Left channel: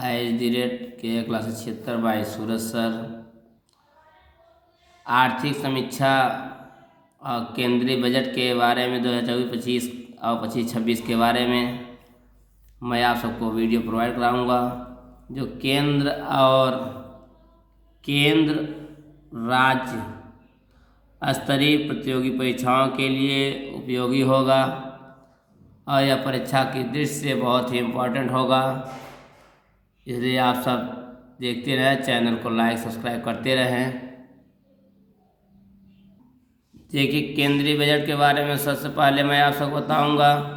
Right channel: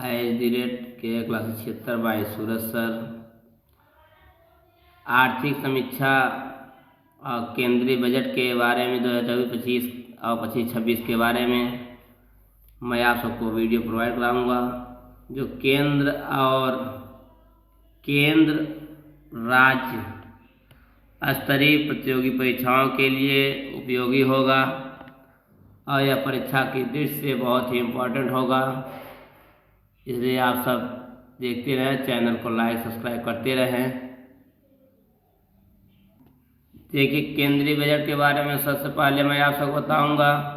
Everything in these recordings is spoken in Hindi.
@KA76 सूरज सर। आर्थिक समीक्षा और केंद्रीय बजट के बारे में 2024-25 और 25-26 के बारे में मैं आप सबको वीडियो प्रोवाइड कराऊंगा, जो केंद्र राज्य स्तरीय प्रतियोगी परीक्षाओं के लिए उपयोगी होगा और यह परीक्षा की दृष्टि से बहुत ही इम्पोर्टेंट होगा। इसलिए आप सब देखते रहें, चैनल को लाइक सब्सक्राइब करते रहें। देखिए, केंद्रीय बजट के बारे में सबसे पहले मैं आप सबको बताऊंगा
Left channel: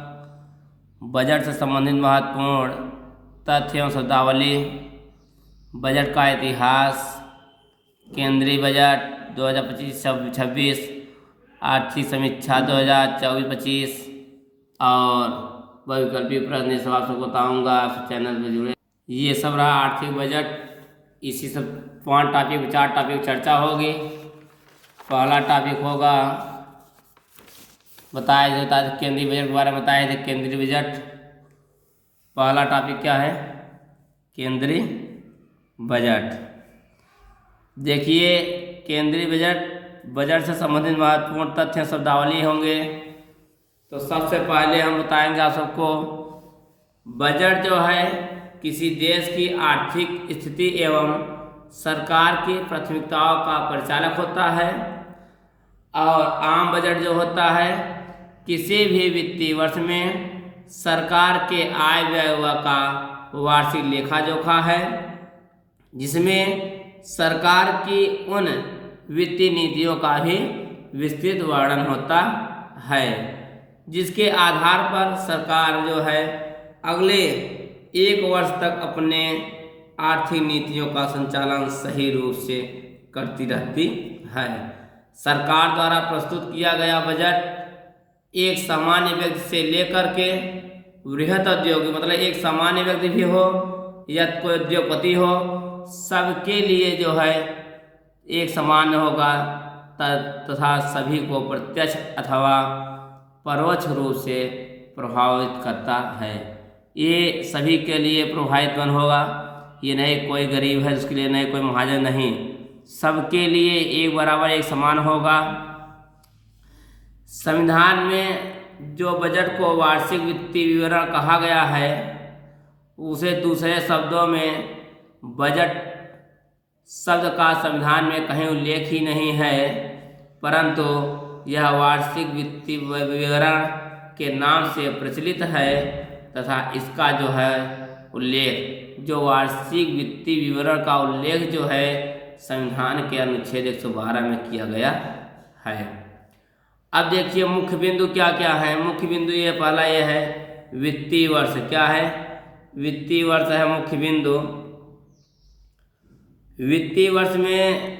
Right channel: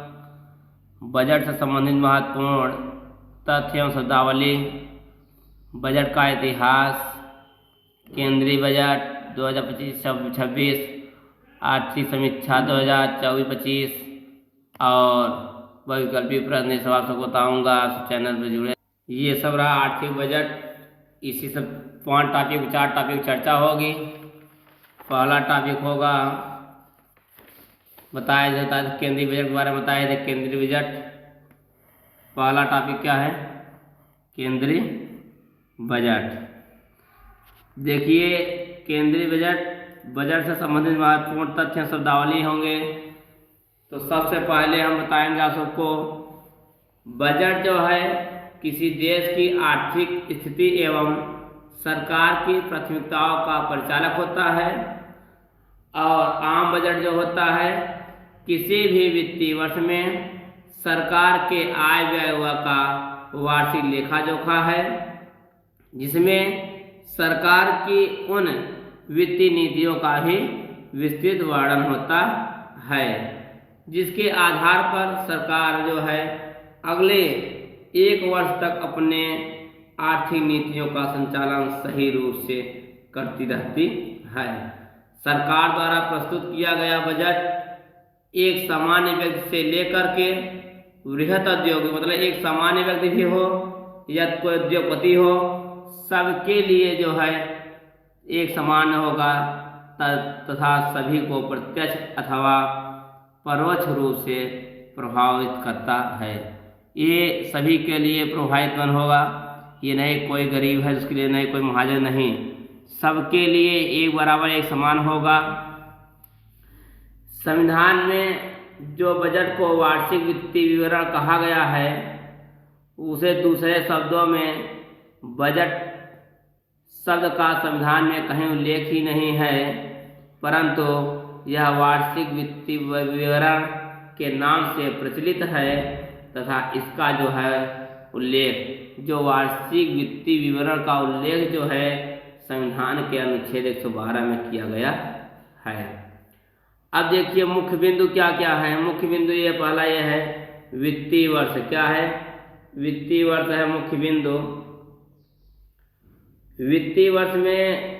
बजट से संबंधित महत्वपूर्ण तथ्य एवं शब्दावली, बजट का इतिहास, केंद्रीय बजट 2025-26, आर्थिक समीक्षा 2024-25 और बहुविकल्पीय प्रश्न, ये सब आप सबको बताऊँगा। आप चैनल पर जुड़े। ये सब रहा आर्थिक बजट। इसी सब 4 टॉपिक चर्चा होगी। पहला टॉपिक होगा बताया जाता है केंद्रीय बजट के बारे में बताया जाए। केंद्रीय बजट पहला टॉपिक क्या है? केंद्रीय बजट। देखिए, केंद्रीय बजट से संबंधित महत्वपूर्ण तथ्य शब्दावली होंगे। तो सबसे पहले हम बताएंगे आप सबको, बजट जो है किसी देश की आर्थिक स्थिति एवं सरकार की प्राथमिकताओं का परिचालक होता है। और आम बजट जो होता है किसी भी वित्तीय वर्ष में सरकार के आय व्यय का वार्षिक लेखा जोखा है, जिसमें सरकार की उन वित्तीय नीतियों का भी विस्तृत वर्णन होता है, जिसके आधार पर सरकार जो है अगले 1 वर्ष तक अपने आर्थिक नीतियों का संचालन सही रूप से करती रहती है। सरकार द्वारा प्रस्तुत किया गया बजट एक सामान्य व्यक्ति से लेकर के बृहत उद्योगी, मतलब एक सामान्य व्यक्ति भी हो या कोई उद्योगपति हो, सबके लिए जो है एक समान होगा तथा सभी को प्रत्यक्ष अथवा परोक्ष रूप से प्रभावित करता है। ये सभी के लिए प्रभावित होगा। ये नहीं कोई गरीब है उसके लिए, नहीं कोई महाजन, नहीं, सबके लिए एक बराबर एक समान होगा। संविधान में जो बजट को वार्षिक वित्तीय विवरण कहा गया है, उसे दूसरे शब्दों में बजट शब्द का संविधान में कहीं उल्लेख ही नहीं है, परंतु यह वार्षिक वित्तीय विवरण के नाम से प्रचलित है तथा इसका जो है उल्लेख, जो वार्षिक वित्तीय विवरण का उल्लेख जो है संविधान के अनुच्छेद 112 में किया गया है। अब देखिए मुख्य बिंदु क्या क्या है। मुख्य बिंदु ये पहला ये है वित्तीय वर्ष। क्या है? वित्तीय वर्ष है मुख्य बिंदु। वित्तीय वर्ष में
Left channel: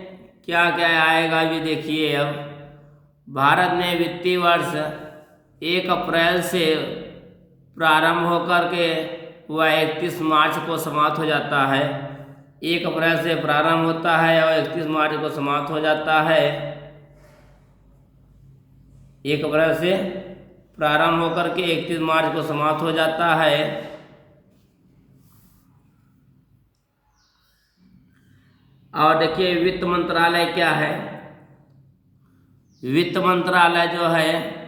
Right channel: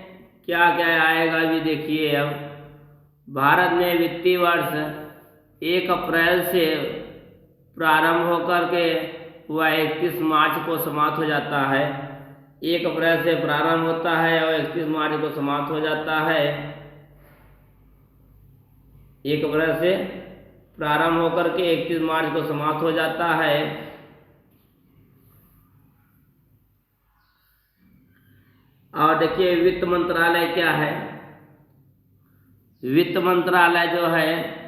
क्या क्या आएगा ये देखिए। अब भारत में वित्तीय वर्ष 1 अप्रैल से प्रारंभ होकर के वह 31 मार्च को समाप्त हो जाता है। 1 अप्रैल से प्रारंभ होता है और 31 मार्च को समाप्त हो जाता है। 1 अप्रैल से प्रारंभ होकर के 31 मार्च को समाप्त हो जाता है। और देखिए वित्त मंत्रालय क्या है। वित्त मंत्रालय जो है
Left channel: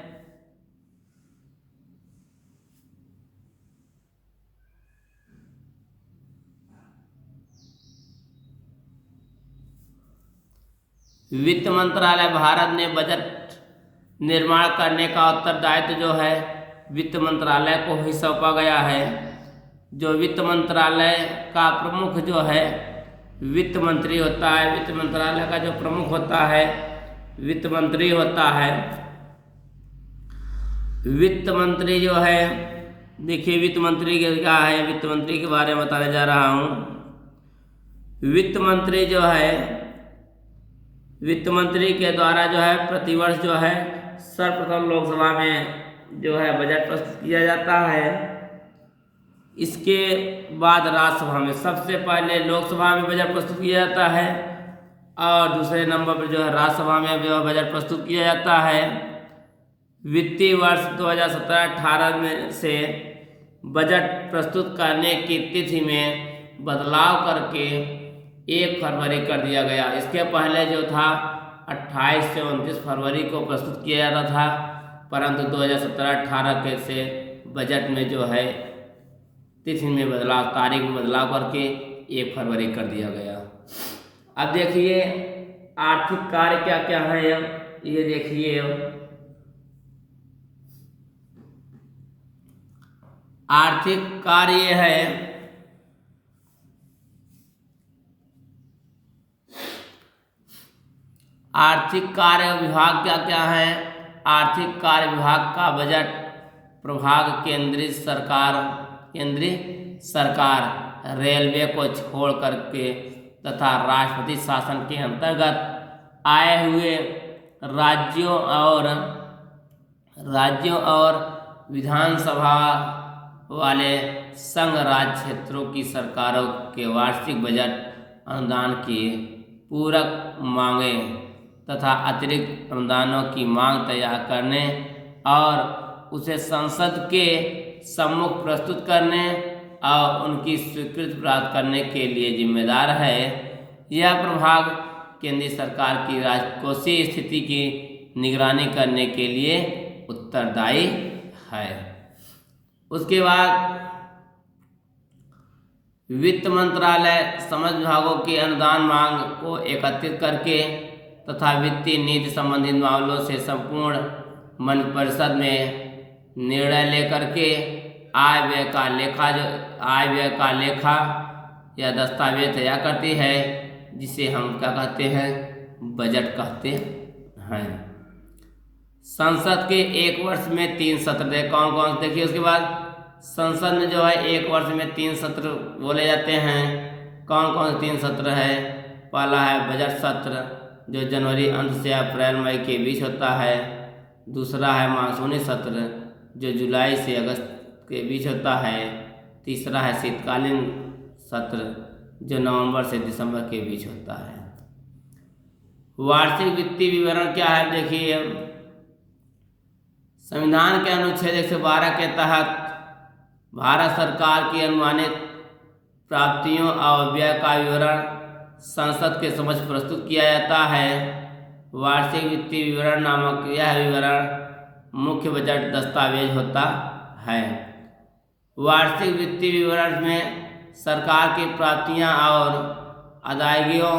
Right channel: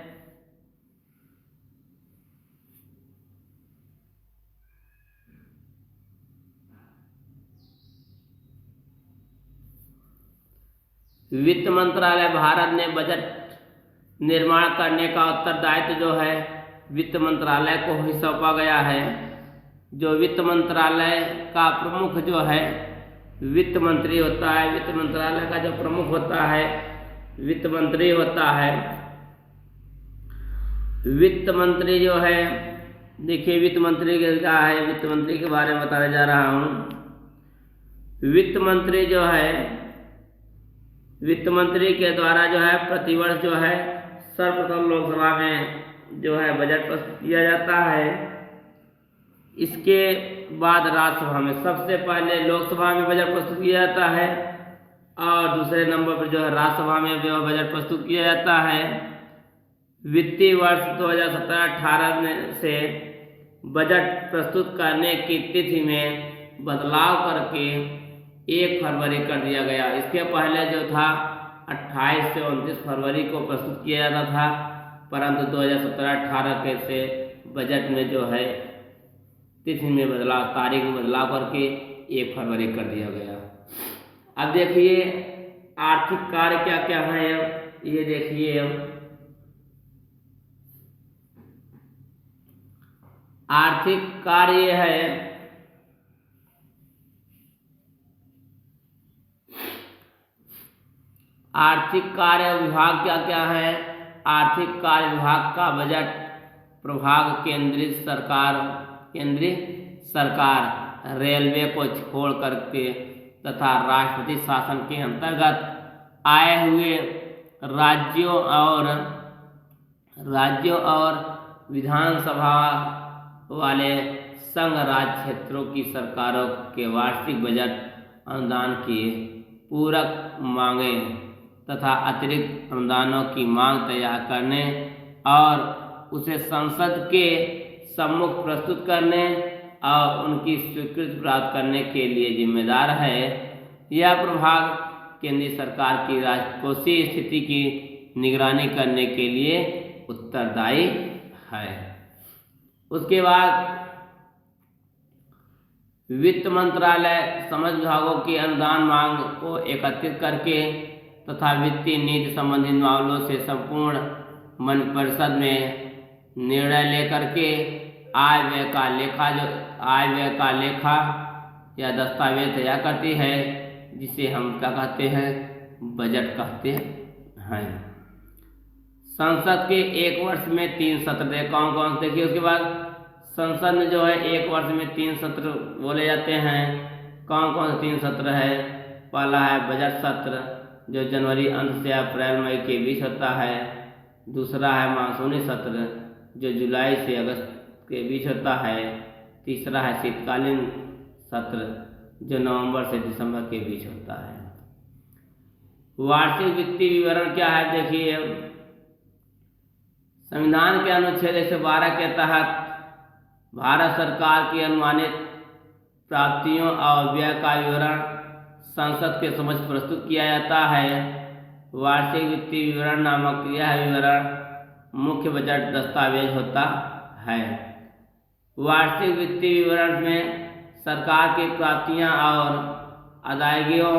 वित्त मंत्रालय भारत में बजट निर्माण करने का उत्तरदायित्व जो है वित्त मंत्रालय को ही सौंपा गया है। जो वित्त मंत्रालय का प्रमुख जो है वित्त मंत्री होता है। वित्त मंत्रालय का जो प्रमुख होता है वित्त मंत्री होता है। वित्त मंत्री जो है, देखिए वित्त मंत्री क्या है, वित्त मंत्री के बारे में बताने जा रहा हूँ। वित्त मंत्री जो है, वित्त मंत्री के द्वारा जो है प्रतिवर्ष जो है सर्वप्रथम लोकसभा में जो है बजट प्रस्तुत किया जाता है। इसके बाद राज्यसभा में, सबसे पहले लोकसभा में बजट प्रस्तुत किया जाता है और दूसरे नंबर पर जो है राज्यसभा में जो बजट प्रस्तुत किया जाता है। वित्तीय वर्ष 2017-18 में से बजट प्रस्तुत करने की तिथि में बदलाव करके 1 फरवरी कर दिया गया। इसके पहले जो था 28 से 29 फरवरी को प्रस्तुत किया जाता था, परंतु 2017-18 के से बजट में जो है तिथि में बदलाव, तारीख में बदलाव करके 1 फरवरी कर दिया गया। अब देखिए आर्थिक कार्य क्या क्या है। अब ये देखिए, आर्थिक कार्य है आर्थिक कार्य विभाग क्या क्या है। आर्थिक कार्य विभाग का बजट प्रभाग केंद्रीय सरकार रेलवे को छोड़ करके तथा राष्ट्रपति शासन के अंतर्गत आए हुए राज्यों और विधानसभा वाले संघ राज्य क्षेत्रों की सरकारों के वार्षिक बजट अनुदान की पूरक मांगें तथा अतिरिक्त अनुदानों की मांग तैयार करने और उसे संसद के सम्मुख प्रस्तुत करने और उनकी स्वीकृति प्राप्त करने के लिए जिम्मेदार है। यह प्रभाग केंद्रीय सरकार की राजकोषीय स्थिति की निगरानी करने के लिए उत्तरदायी है। उसके बाद वित्त मंत्रालय समस्त विभागों की अनुदान मांग को एकत्रित करके तथा वित्तीय नीति संबंधित मामलों से संपूर्ण मंत्रिपरिषद में निर्णय लेकर के आय व्यय का लेखा या दस्तावेज तैयार करती है, जिसे हम क्या कहते हैं, बजट कहते हैं। संसद के 1 वर्ष में 3 सत्र कौन कौन देखिए। उसके बाद संसद में जो है 1 वर्ष में 3 सत्र बोले जाते हैं। कौन कौन से 3 सत्र है। पहला है बजट सत्र जो जनवरी अंत से अप्रैल मई के बीच होता है। दूसरा है मानसूनी सत्र जो जुलाई से अगस्त के बीच होता है। तीसरा है शीतकालीन सत्र जो नवंबर से दिसंबर के बीच होता है। वार्षिक वित्तीय विवरण क्या है देखिए। संविधान के अनुच्छेद 112 के तहत भारत सरकार की अनुमानित प्राप्तियों और व्यय का विवरण संसद के समक्ष प्रस्तुत किया जाता है। वार्षिक वित्तीय विवरण नामक यह विवरण मुख्य बजट दस्तावेज होता है। वार्षिक वित्तीय विवरण में सरकार की प्राप्तियां और अदायगियों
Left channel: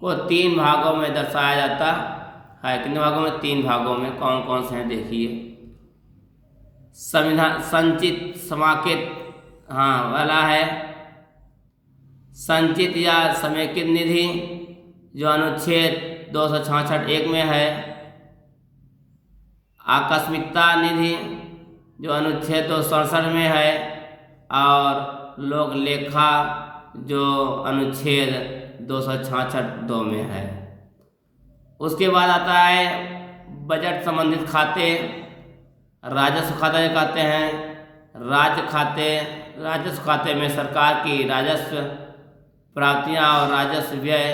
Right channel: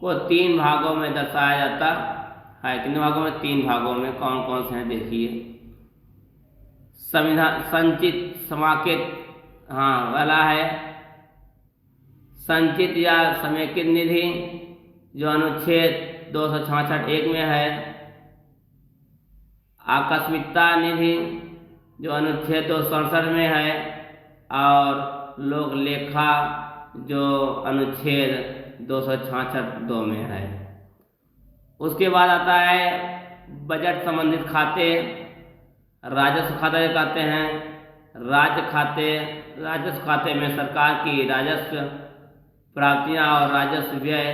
को 3 भागों में दर्शाया जाता है। कितने भागों में? 3 भागों में। कौन कौन से हैं देखिए। संचित समेकित वाला है संचित या समेकित निधि जो अनुच्छेद 266(1) में है। आकस्मिकता निधि जो अनुच्छेद 267 में है। और लोक लेखा जो अनुच्छेद 266(2) में है। उसके बाद आता है बजट संबंधित खाते। राजस्व खाता जो कहते हैं। राजस्व खाते में सरकार की राजस्व प्राप्तियां और राजस्व व्यय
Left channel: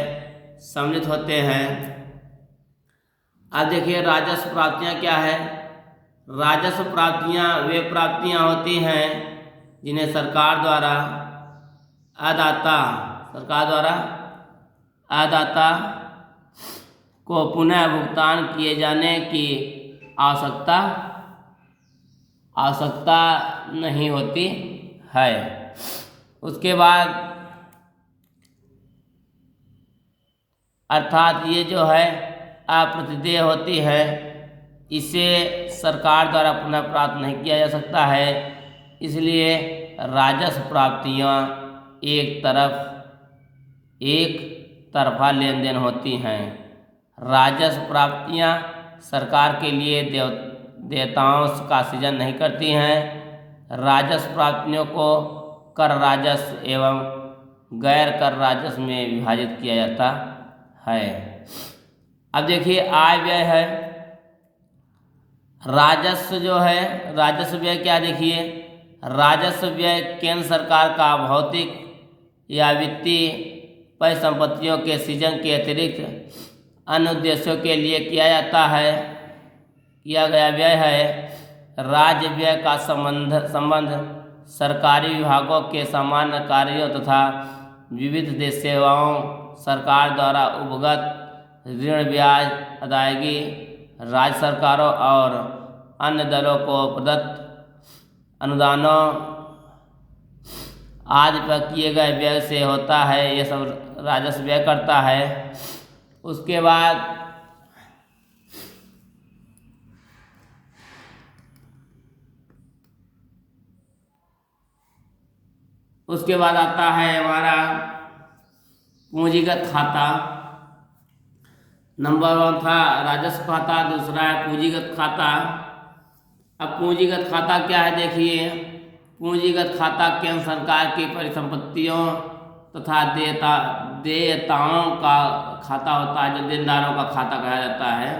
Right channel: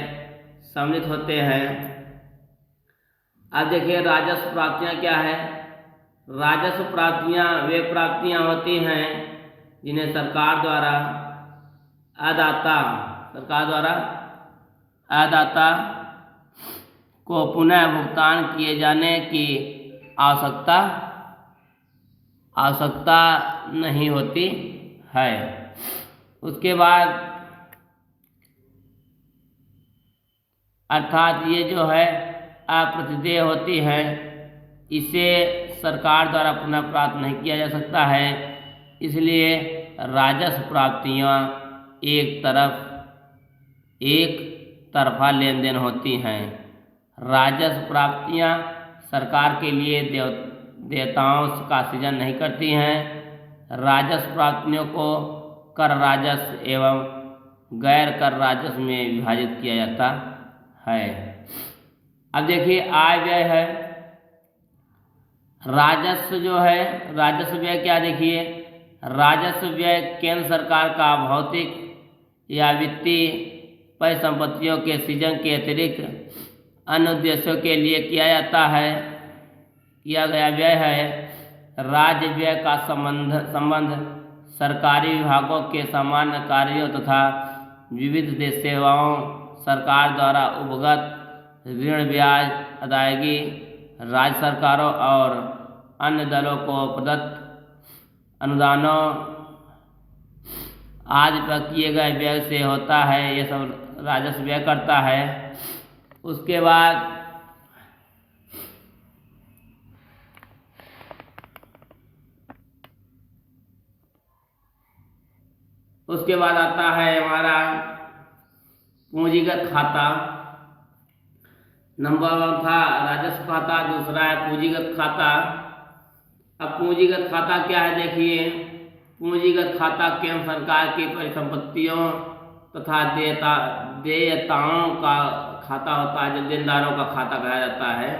सम्मिलित होते हैं। अब देखिए राजस्व प्राप्तियां क्या है। राजस्व प्राप्तियां वे प्राप्तियां होती हैं जिन्हें सरकार द्वारा अदाता को पुनः भुगतान किए जाने की आवश्यकता नहीं होती है। उसके बाद अर्थात ये जो है अप्रतिदेय होती है, इसे सरकार द्वारा पुनः प्राप्त नहीं किया जा सकता है। इसलिए राजस्व प्राप्तियां एक तरफा लेन देन होती हैं। राजस्व प्राप्तियां सरकार के लिए देयताओं का सृजन नहीं करती हैं। राजस्व प्राप्तियों को कर राजस्व एवं गैर कर राजस्व में विभाजित किया जाता है। अब देखिए आय व्यय है। राजस्व जो है, राजस्व व्यय क्या देखिए। राजस्व व्यय केंद्र सरकार का भौतिक या वित्तीय परिसंपत्तियों के सृजन के अतिरिक्त अन्य उद्देश्यों के लिए किया गया व्यय है। राज्य व्यय का संबंध सरकारी विभागों के सामान्य कार्यों तथा विविध देश सेवाओं, सरकार द्वारा उपगत ऋण ब्याज अदायगी, राज्य सरकारों और अन्य दलों को प्रदत्त अनुदानों आदि पर किए गए व्यय से होता है। ये सब राजस्व व्यय करता है। उसके बाद आता है हमारा पूंजीगत खाता। नंबर 1 था राजस्व खाता, दूसरा है पूंजीगत खाता। अब पूंजीगत खाता क्या है देखिए। पूंजीगत खाता केंद्र सरकार की परिसंपत्तियों तथा देयताओं का खाता होता है, जो देनदारों का खाता कहा जाता है।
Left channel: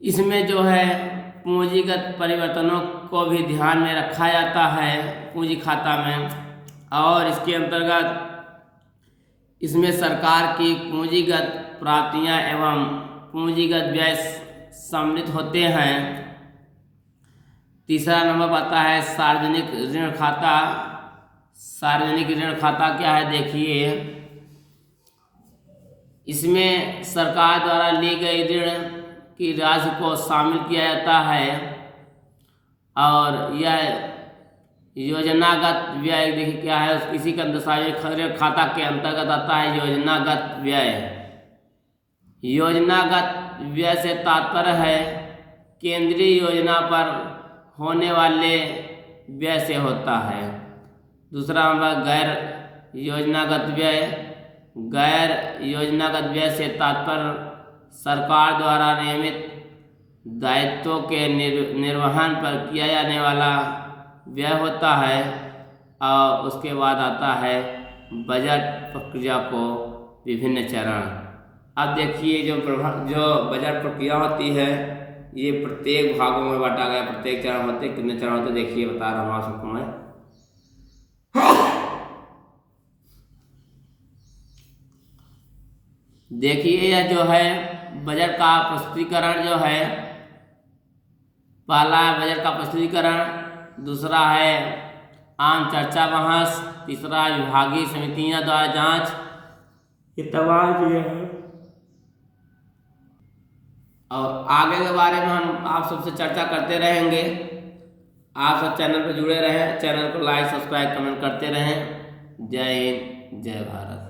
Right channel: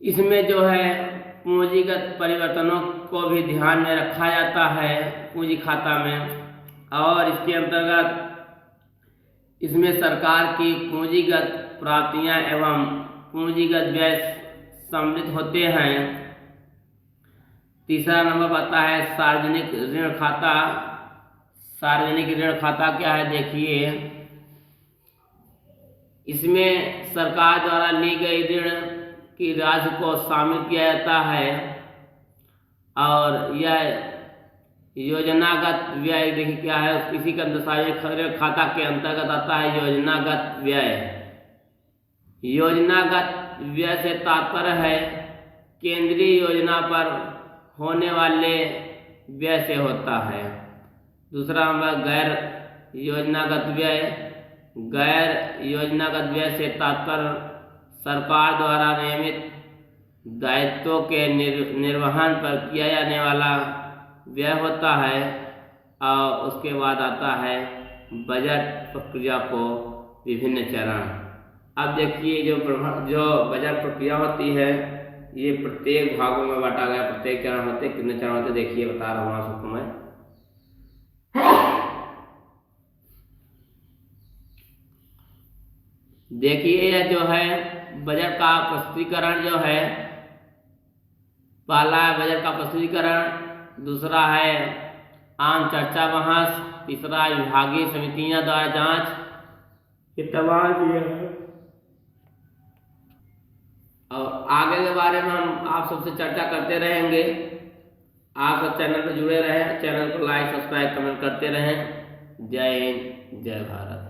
इसमें जो है पूंजीगत परिवर्तनों को भी ध्यान में रखा जाता है पूंजी खाता में, और इसके अंतर्गत इसमें सरकार की पूंजीगत प्राप्तियां एवं पूंजीगत व्यय सम्मिलित होते हैं। तीसरा नंबर आता है सार्वजनिक ऋण खाता। सार्वजनिक ऋण खाता क्या है देखिए। इसमें सरकार द्वारा ली गई ऋण की राशि को शामिल किया जाता है, और यह योजनागत व्यय देखिए क्या है। इसी का सार्वजनिक खाता के अंतर्गत आता है योजनागत व्यय। योजनागत व्यय से तात्पर्य है केंद्रीय योजना पर होने वाले व्यय से होता है। दूसरा नंबर गैर योजनागत व्यय। गैर योजनागत व्यय से तात्पर्य सरकार द्वारा नियमित दायित्वों के निर्वहन पर किया जाने वाला व्यय होता है। और उसके बाद आता है बजट प्रक्रिया को विभिन्न चरण। अब देखिए जो बजट प्रक्रिया होती है ये प्रत्येक भागों में बांटा गया। प्रत्येक चरण होते कितने चरण होते देखिए बता रहा हूँ आप सबको मैं। देखिए यह जो है बजट का प्रस्तुतिकरण जो है, पहला है बजट का प्रस्तुतिकरण, दूसरा है आम चर्चा बहस, तीसरा विभागीय समितियां द्वारा जांच, ये तमाम ये है। और आगे के बारे में हम आप सबसे चर्चा करते रहेंगे। आप सब चैनल पर जुड़े रहें, चैनल को लाइक सब्सक्राइब कमेंट करते रहें। जय हिंद, जय भारत।